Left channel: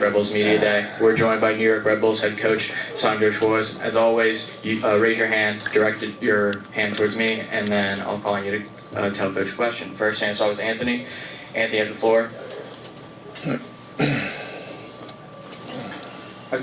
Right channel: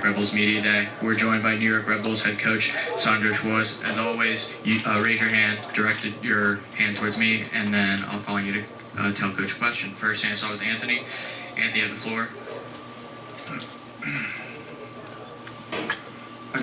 Red Bulls Media Day. We're joined by New York Red Bulls head coach Sandro Schwarz. As always, you raise your hand, direct your hand towards me, and then I'll call on you to tell Coach a question. First hand start with Anthony. Anthony, you have the floor.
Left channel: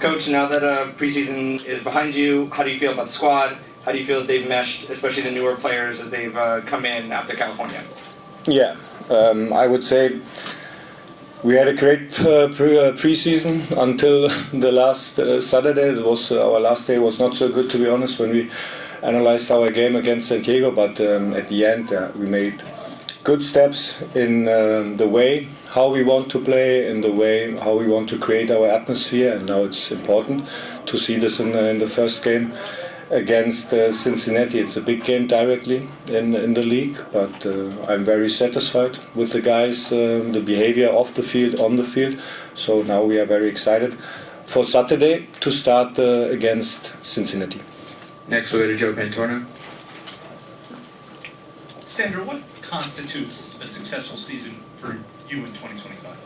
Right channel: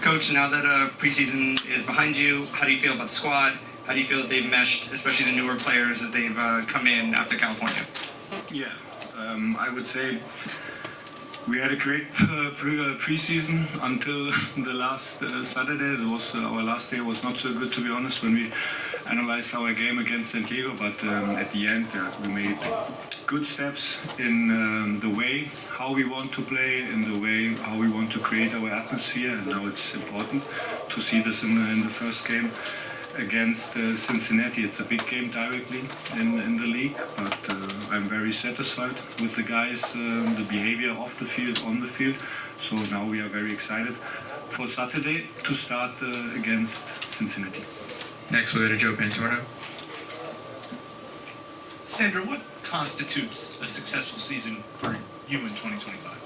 Coach, now that preseason is behind you, how do you feel about the squad? How do you feel that they've meshed, especially the newer players as they've come in after California? Yeah, I would say we had a great preseason until the last Saturday. It was our last day was not so good, to be honest, when we analyzed our game against San Diego. But at the end, we made good steps in the way how we want to play, in the way how we want to create our atmosphere. And now it's important to see this in the first game against Cincinnati. It's a big game directly in the league, but I'm very satisfied with the guys, the behavior off the field, on the field. So now we are very excited for Saturday to start against Cincinnati. Next we'll go to Joe Pantorno. Sandro, what constitutes a successful season for you in 2025?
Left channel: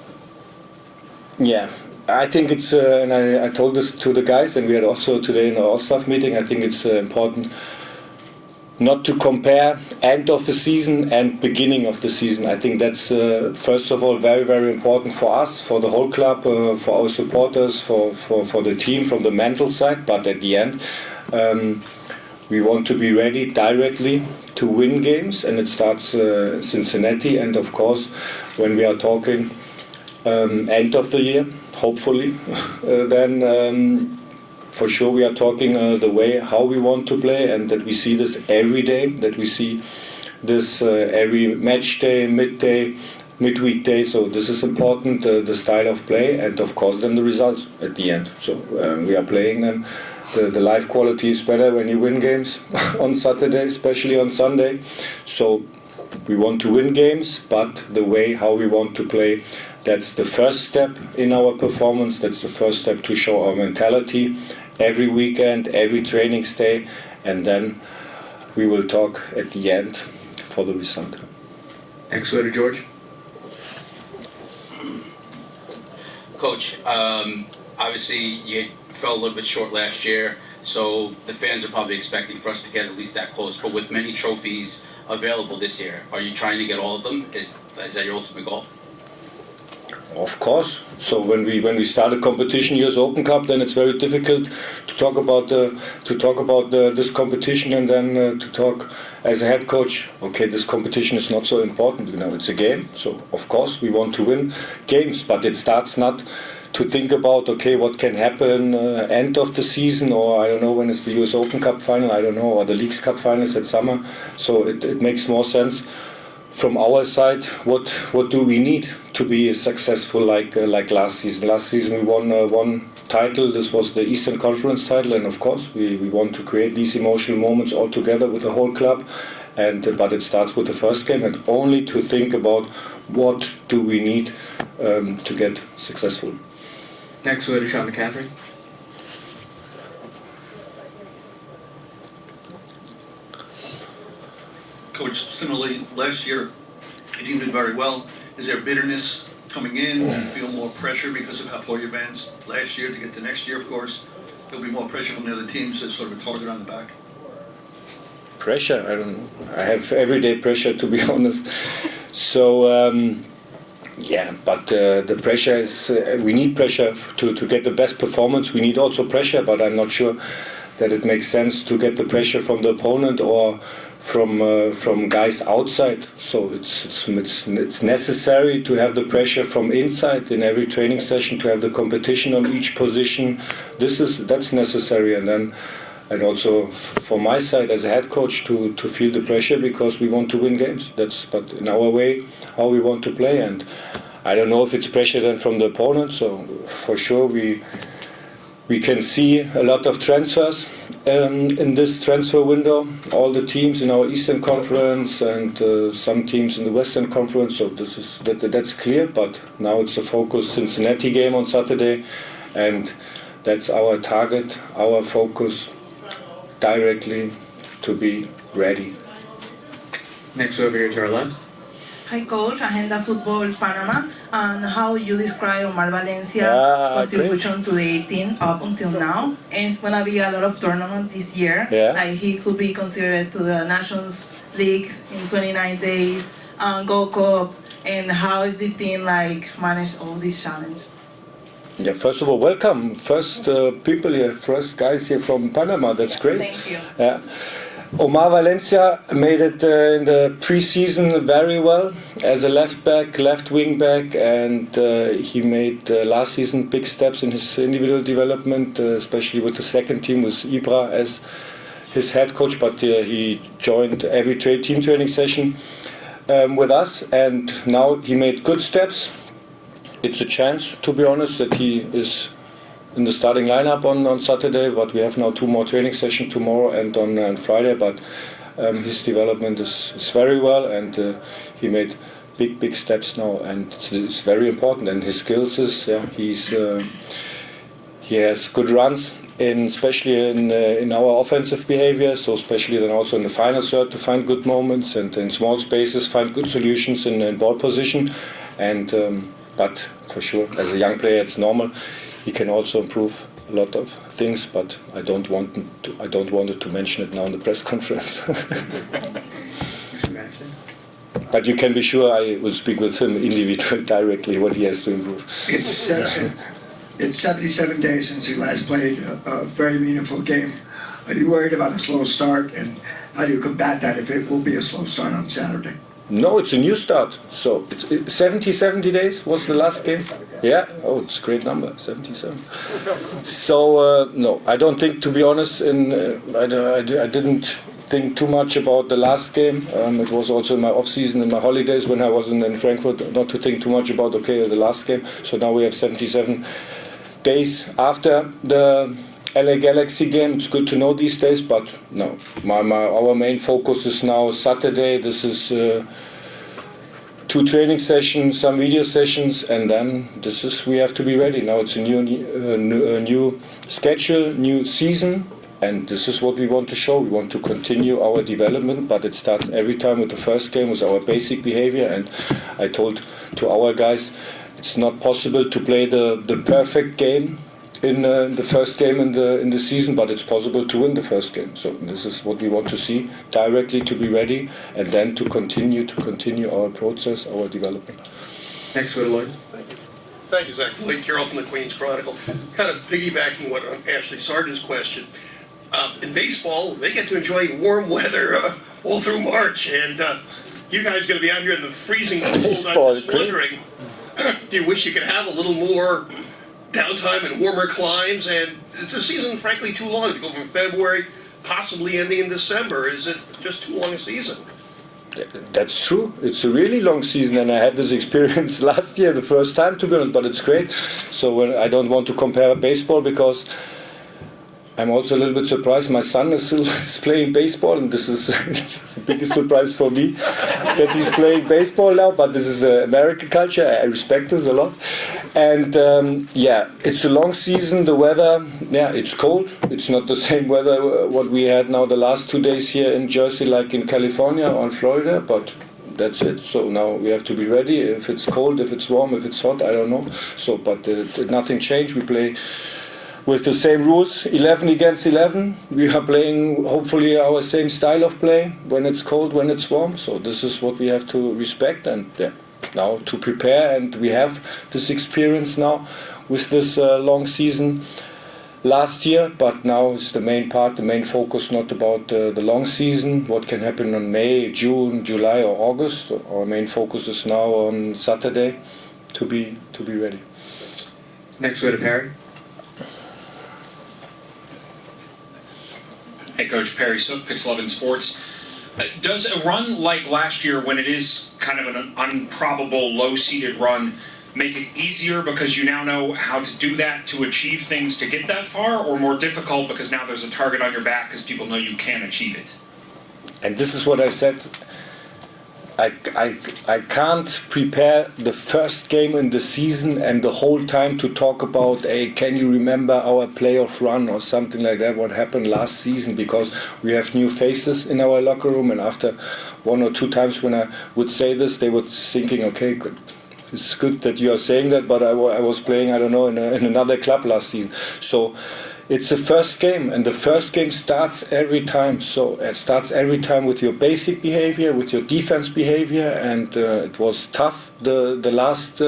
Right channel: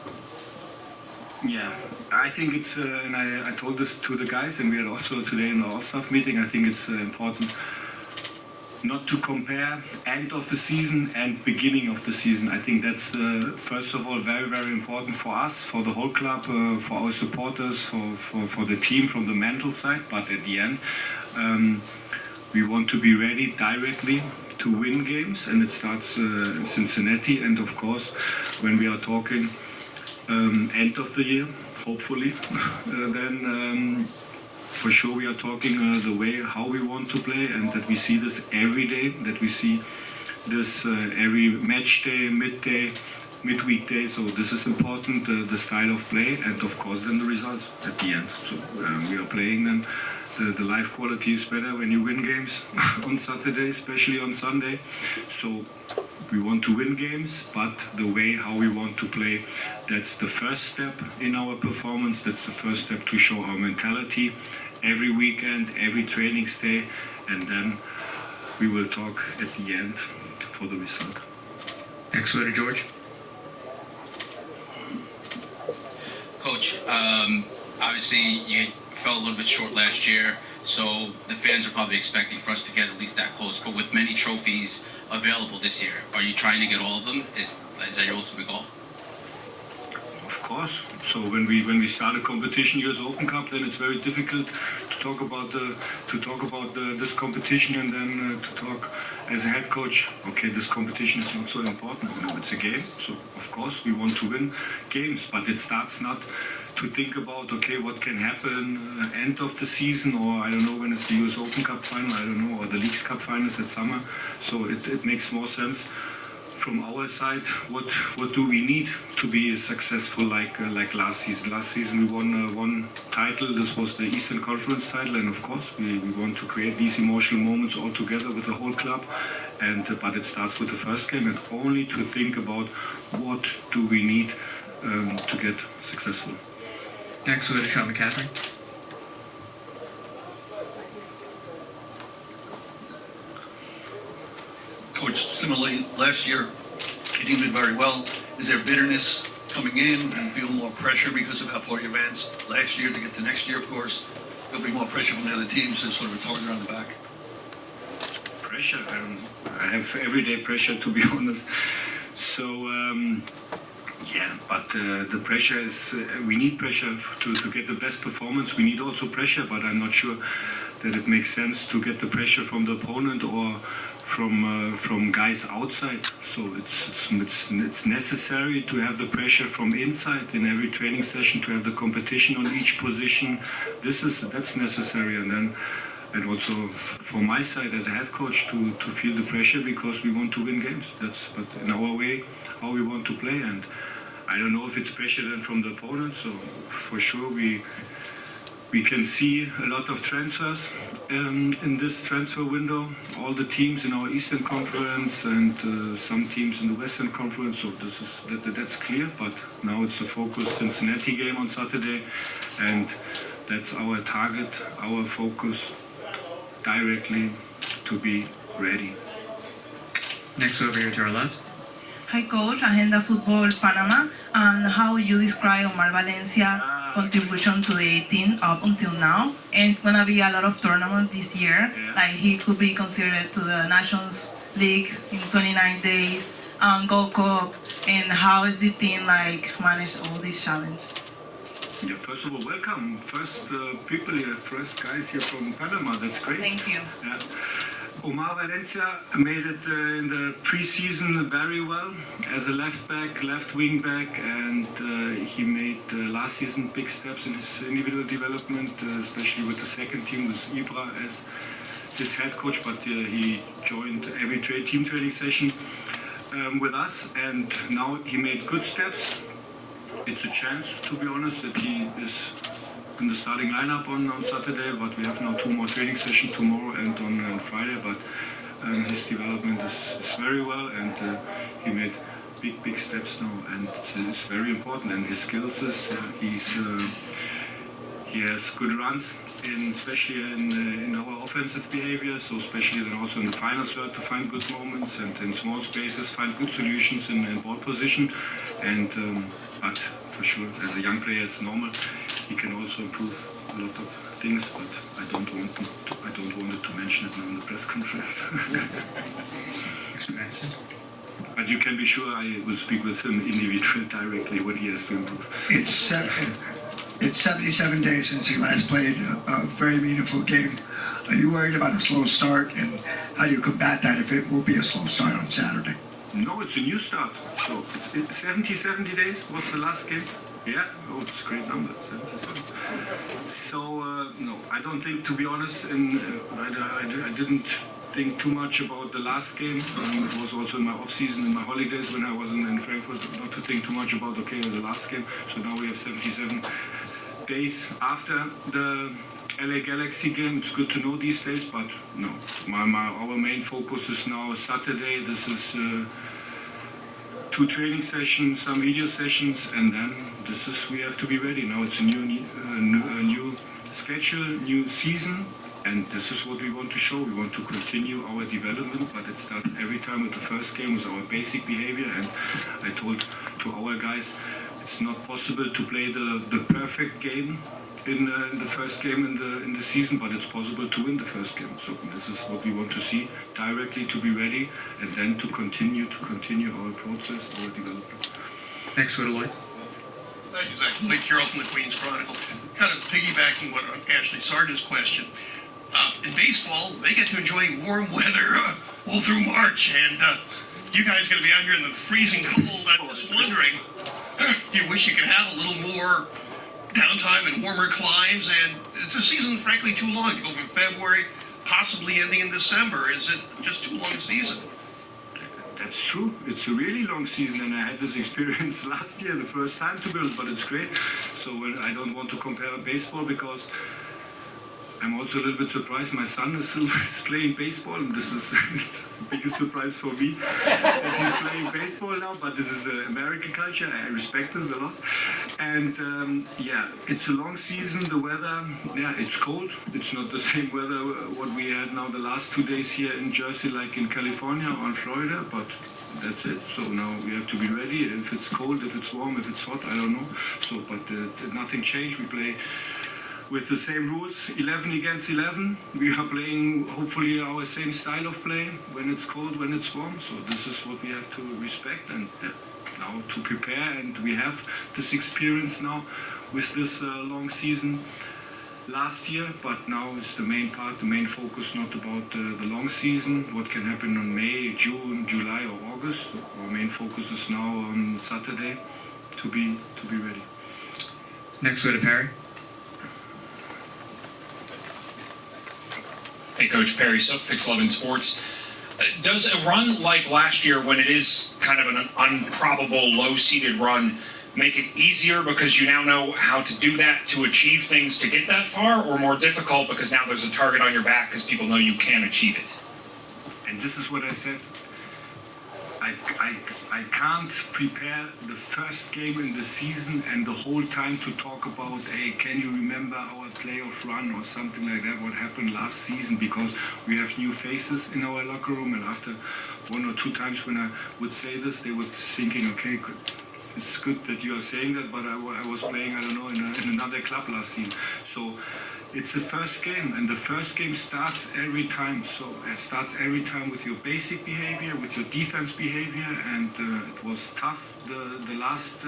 Yeah, I think it's, and I told this to the guys, and we had also today in our all-staff meeting, I think it's important not to compare end of the season and beginning of the season. I think that's, first of all, very, very important for us, for the whole club, for our supporters, for the team from the mental side. But at the end, we want to be ready directly to win games, and it starts Cincinnati. And of course, when we are talking end of the year, hopefully, then for sure we are talking the way how we want to play, and that we see this every day, that we see this every match day, midday, midweek day. So this is important, the style of play, and of course then the results at the end. So we are playing them. The life quality is better when you win games on Saturday, especially on Sunday. So we want to win games, but the way how we want to play, that's the first step in our performance. That's the first step to show our mentality every weekend, every training day, and then we will talk at the end for the result. Next we'll go to George. Coach, obviously you fell a little bit short last year, so the fans are probably expecting for us to get at least that close. But with many trophies available this year, are you trying to get all of them? Is that your ultimate goal? Of course. So when we start a competition, US Open Cup, then it's very difficult to talk about this competition, and then to talk as a head coach. Okay, this competition is not so important. You know, it's a game. So of course we want to win games, but it starts not to think about, okay, what can happen end of the season, or I don't know when it's the US Open Cup final, I don't know, or the Leagues Cup finals at summer. So it makes more sense from our side. What do we need to be successful like last season? Last season we won one title. This was the Eastern Conference title, and of course we want to create these emotional moments all together with the whole club. And but it starts with the first game, and only to think about what do we need to get successful. Next we'll go to Sean McCaffrey. Coach, similarly, last year you did very well. Is there bitterness coming in? Do you feel more pressure because of how far you advanced last year to get to next year, of course? There'll be more pressure from the other teams as sort of a target on the back. Pressure? I have everyday pressure, to be honest. So yeah, but the pressure is, we need pressure to get the best performance. We need also pressure, but I'm not sure that it makes sense to get the pressure from the opponent or from guys outside. So it's necessary to have the pressure from inside in every training session, to have the competition on each position. That's necessary, and also for my side as a head coach to feel the pressure, because we want to win games. But in our way how we want to play, and I don't know if it's pressure then from the opponent. So for sure we can see a lot of transfers in this transfer window, all the teams in our Eastern Conference and some teams in the Western Conference. So that's clear. But now it's the focus Cincinnati game on Saturday, and that's our target, our focus, directly to be ready. Next over here to our left. Hi Coach, Agenda Fútbol Panamá. and how you describe Omar Valencia contribution to the team up until now. And it's gonna be a lot of tournaments this year. Yeah. Like he could be considered to the Nations League in 29 days, Gold Cup, and how is the team like managed all these challenges? Yeah, first of all, welcome. First people here, first guys here from Panama. That's great. Thank you. Yeah. Omar Valencia made it in the preseason very well as a left back, left wing back, and he made last season big steps in his individual development, especially with the second team with Ibra as his head coach. But he joined every team training session with us, and now he made good steps. It's a chance, to be honest, that he is in the starting lineup on Saturday, but we have now 2 more training sessions tomorrow and on Friday. But his development is very well, and he made big steps now, and it's very important. And his skills is he has good runs, especially in our offensive behavior. So especially then also in the final third to find good moments, and in small spaces find good solutions in ball position, and. But for sure, as a young player, it's normal. He can also improve a lot of things, but I don't want to mention it now in the press conference. But you can be sure I will speak with him individually directly what he has to improve. It's 77 days since he last played a very meaningful game. Are you worried about a slow start, and how do you combat that if it will be a slow start on Saturday? No, it's a new start. So 70 days was the last game. Yeah. Oh, it's a great number, 77. So no, I don't think, to be honest, I didn't think too much about the last game. It was also in my off season, in my holidays when I was in Frankfurt, not to think too much about the last game. So now we have 77 days after the LA Galaxy game. It's good to know these days, but no, our main focus is now Saturday. This is 2 training sessions, some video sessions, and then we have to be ready. Now it's a new schedule, new season, and this is what we want to show. We want to continue our development, but it starts every time with the first game, with our basic behavior. And I told to our guys, it's not possible to play the perfect game in the first game in the season, but it's possible to win the first game. So this is what we want to see directly, to be ready, and then to continue our process, our development. Next, go to Lloyd. Thank you, Zach. Lee Carroll from the Queens Chronicle. Kind of piggybacking on Ashley Sargent's question. In baseball, they get to enjoy warm weather all through March, and you guys are going to be out here in the freezing cold. I'm just wondering, do you wish you could have a little more downtime and warmer climes? And it's a season, frankly, too long to go from February, possibly ending in December. Is it just too long a season? That's true. It's a really long season, and I had this experience last year, the first time, to be honest, but it's great. So I don't want to compare baseball, because I'm also a little bit surprised. My son is still playing baseball, and this is it's the biggest surprise for me that he's playing baseball now. But this is American culture. I respect this a lot. And it's a long season. The weather, it's cold. It's not the same weather what we had now the last 2 days here in Jersey, like in California or in Florida. But that's it. So now we have to be ready. If it's cold, if it's warm, if it's hot, I don't know. So, but nothing changed. We play with the same rules, 11 against 11. We are playing hopefully our same style of play, when it's cold, when it's warm. So this is what we have to respect, and now to prepare. And we have this experience now with this long season last year, but now is the main part, the main focus, not about the long season, what can happen in May, June, July or August. So our main focus is now on Saturday to be ready. Next, go to Perry. Hey Coach, Perry Sook, Pix 11 Sports. Does a run like last year, when it is kind of an improbable low-seeded run, make it easier because you now know how to do that to achieve things to get that far, or more difficult because now there's a target on your back because people know you can achieve it? And this is what I said. I can't prepare the first game in the season and the whole time to talk about, hey, can you remember our playoff run or something like that, what happened last season, because we have new faces in our locker room. And after 1 or 2 times when I would say this, they were thinking, okay, good, It's good that you are saying that, but I was playing, I don't know, in another club last season. So it's the first game, and the first game starts every time. So it starts every time with your basic behavior, with your defense behavior, and it was tough, the last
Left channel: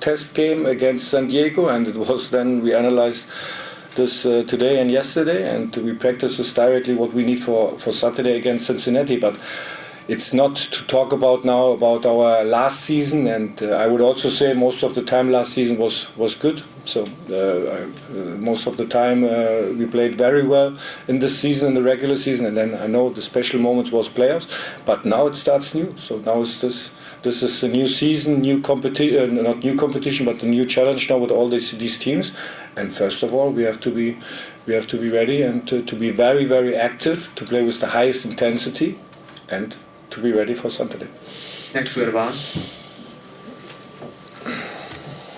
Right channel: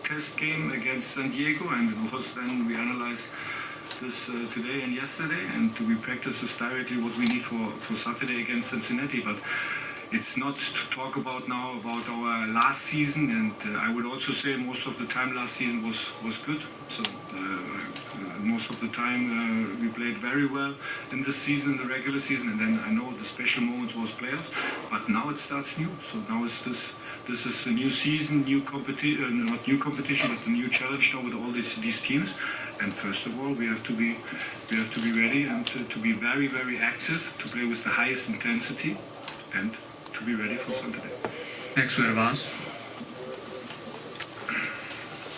test game against San Diego, and it was then we analyzed this today and yesterday, and we practice this directly what we need for Saturday against Cincinnati. But it's not to talk about now about our last season, and I would also say most of the time last season was good. So most of the time we played very well in this season, in the regular season, and then I know the special moments was playoffs, but now it starts new. So now it's this is a new season, new competition, not new competition, but a new challenge now with all these teams. And first of all, we have to be ready and to be very, very active, to play with the highest intensity, and to be ready for Saturday. Next, we go to Voss.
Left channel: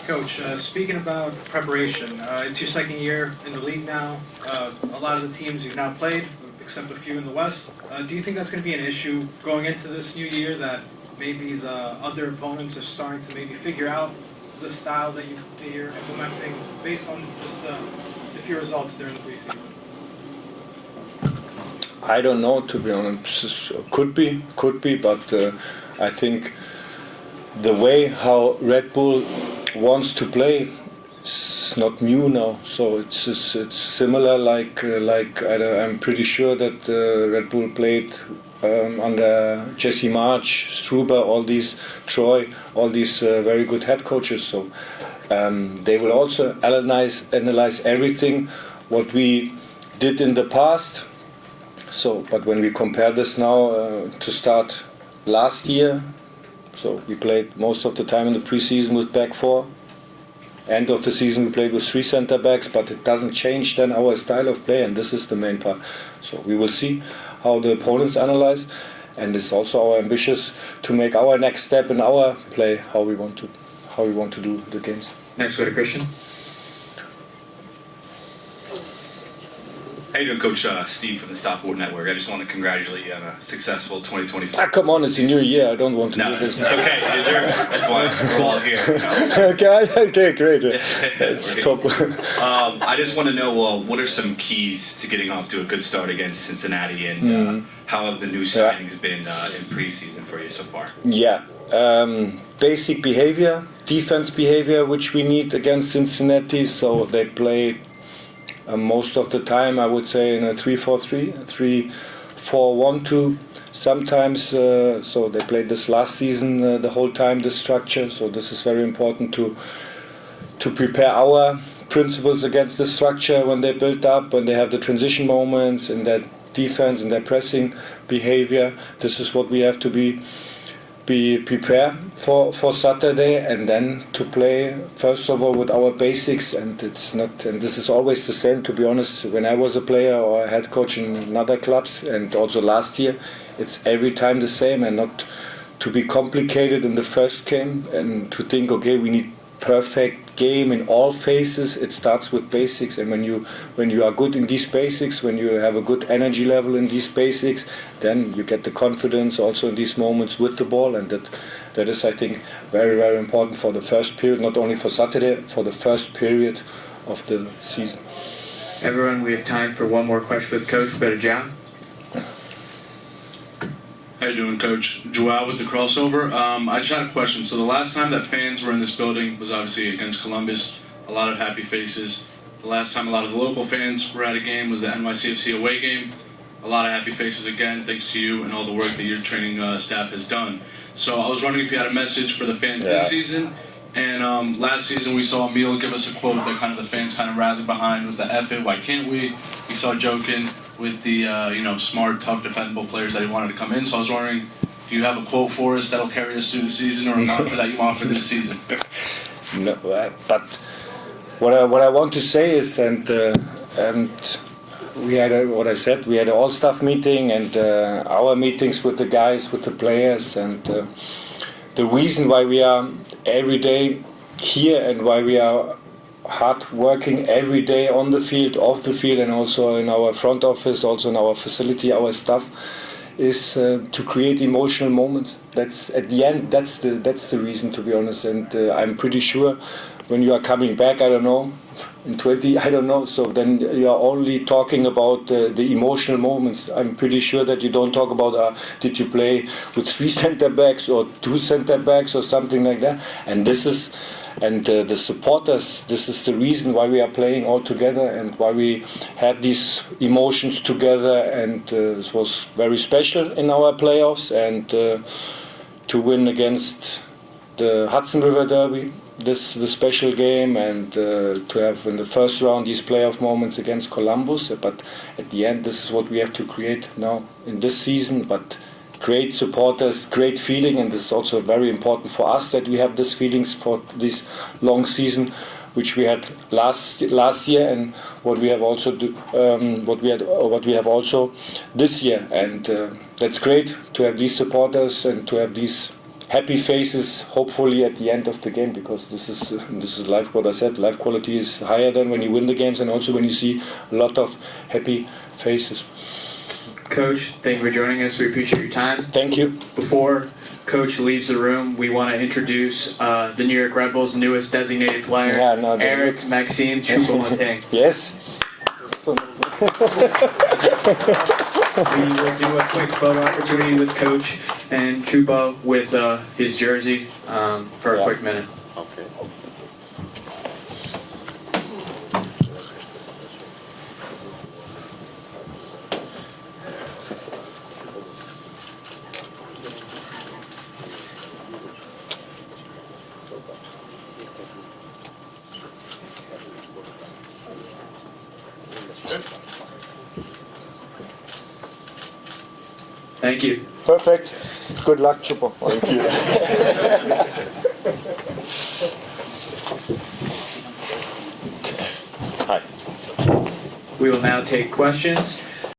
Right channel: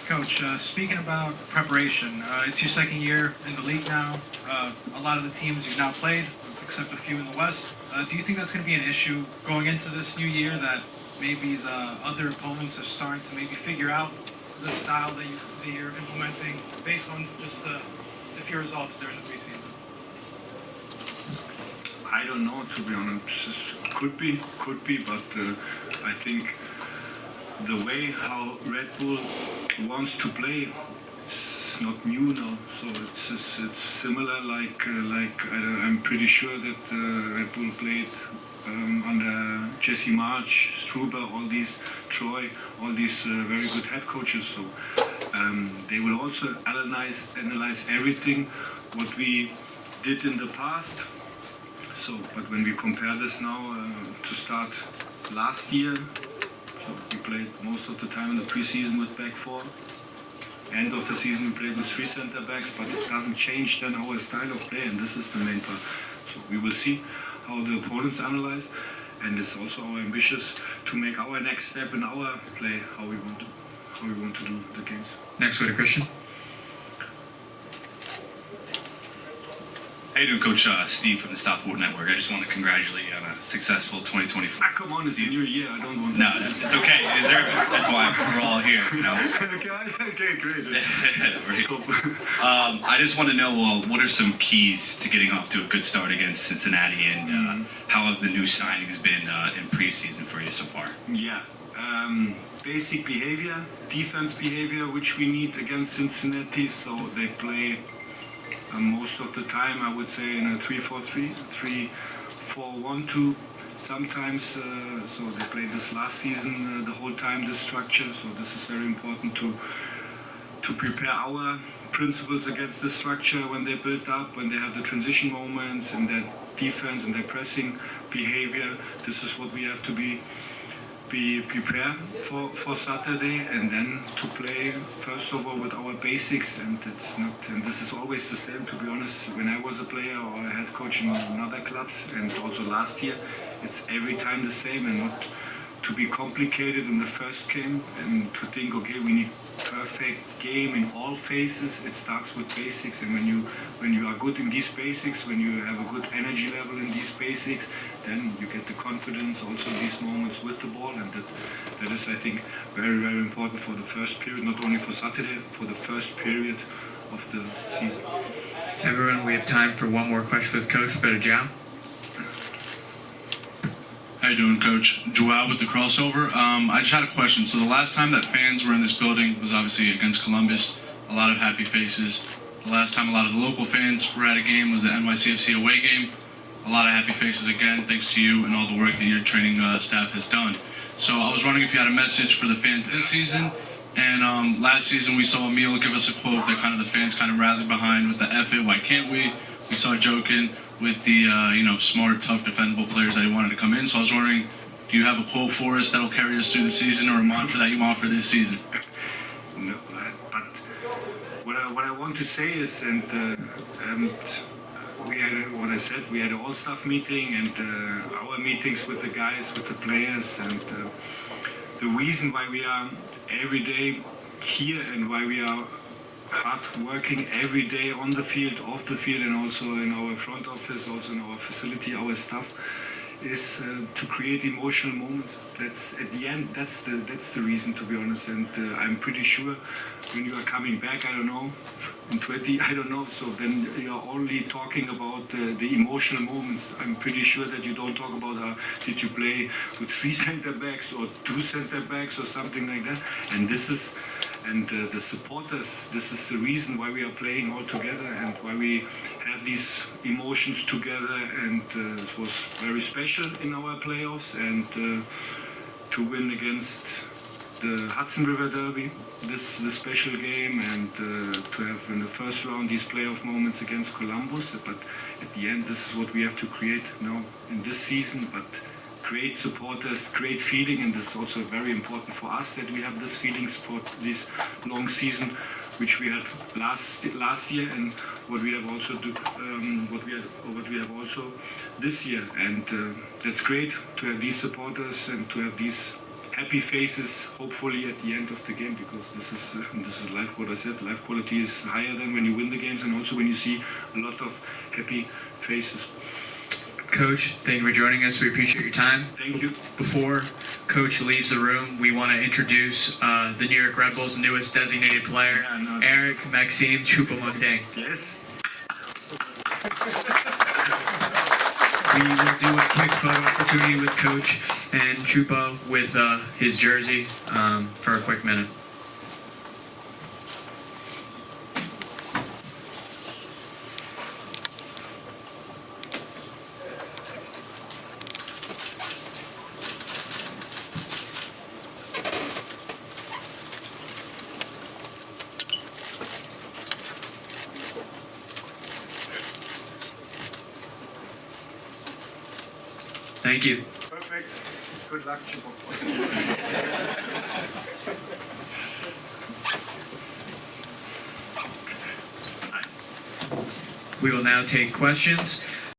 Coach, speaking about preparation, it's your second year in the league now. A lot of the teams you've now played, except a few in the West. Do you think that's going to be an issue going into this new year, that maybe the other opponents are starting to maybe figure out the style that you're implementing based on just the few results during the preseason? I don't know, to be honest. Could be, but I think the way how Red Bull wants to play is not new now. So it's similar like I'm pretty sure that Red Bull played under Jesse March, Struber, all these Troy, all these very good head coaches. So they will also analyze everything what we did in the past. So, but when we compare this now to start last year, so we played most of the time in the preseason with back four. End of the season we played with 3 center backs, but it doesn't change then our style of play, and this is the main part. So we will see how the opponents analyze, and it's also our ambitious to make our next step in our play, how we want to do the games. Next, we go to Christian. How you doing, Coach? Steve from the Southport Network. I just want to congratulate you on a successul 2024. Ah, come on, it's a new year. I don't want to No, do it's this. okay. That's why we're all here. You know? Okay, great. It's top. I just want to know what are some keys to getting off to a good start against Cincinnati, and how have the new signings been in preseason for you so far? Yeah, basic behavior, defense behavior, which we need against Cincinnati. So they play most of the time, I would say, in a 3-4-3, 3-4-1-2. Sometimes, so they played this last season the whole time, this structure. So this is very important to prepare our principles against this structure when they build up, when they have the transition moments in their defense, in their pressing behavior. This is what we have to be prepared for Saturday, and then to play first of all with our basics. And it's not, and this is always the same, to be honest. When I was a player or a head coach in other clubs, and also last year, it's every time the same, and not to be complicated in the first game and to think, okay, we need perfect game in all phases. It starts with basics, and when you are good in these basics, when you have a good energy level in these basics, then you get the confidence also in these moments with the ball, and that is, I think, very, very important for the first period, not only for Saturday, for the first period of the season. Everyone, we have time for one more question with Coach. Go to John. How you doing, Coach? Joao with the crossover. I just had a question. So the last time that fans were in this building was obviously against Columbus. A lot of happy faces. The last time a lot of the local fans were at a game was the NYCFC away game. A lot of happy faces again, thanks to you and all the work that your training staff has done. So I was wondering if you had a message for the fans this season. And last season we saw Emil give us a quote that kind of the fans kind of rallied behind with the F it, why can't we? We saw Jokin with the smart, tough, defendable players that he wanted to come in. So I was wondering, do you have a quote for us that'll carry us through the season, or a mantra that you want for this season? No, but what I want to say is, and we had what I said, we had an all-staff meeting, and our meetings with the guys, with the players, and the reason why we are every day here and why we are hard working every day on the field, off the field, and also in our front office, also in our facility, our staff, is to create emotional moments. That's at the end. That's the reason, to be honest. And I'm pretty sure when you are coming back, I don't know, in 20, I don't know. So then you are only talking about the emotional moments. I'm pretty sure that you don't talk about did you play with 3 center backs or 2 center backs or something like that. And this is. And the supporters, this is the reason why we are playing all together and why we have these emotions together. And this was very special in our playoffs. And to win against the Hudson River Derby, the special game, and to have in the first round these playoff moments against Columbus. But at the end, this is what we have to create now in this season. But great supporters, great feeling, and this is also very important for us that we have these feelings for this long season, which we had last year, and what we have also what we have also this year, and that's great to have these supporters and to have these happy faces. Hopefully at the end of the game, because this is life. What I said, life quality is higher than when you win the games, and also when you see a lot of happy faces. Coach, thank you for joining us. We appreciate your time. Thank you. Before Coach leaves the room, we want to introduce the New York Red Bulls' newest designated player, Eric Maxime Choupo-Moting. Yes. We will do a quick photo opportunity with Coach and Choupo with his jersey for a quick minute. Thank you. Perfect. Good luck, Choupo. Thank you. We will now take questions.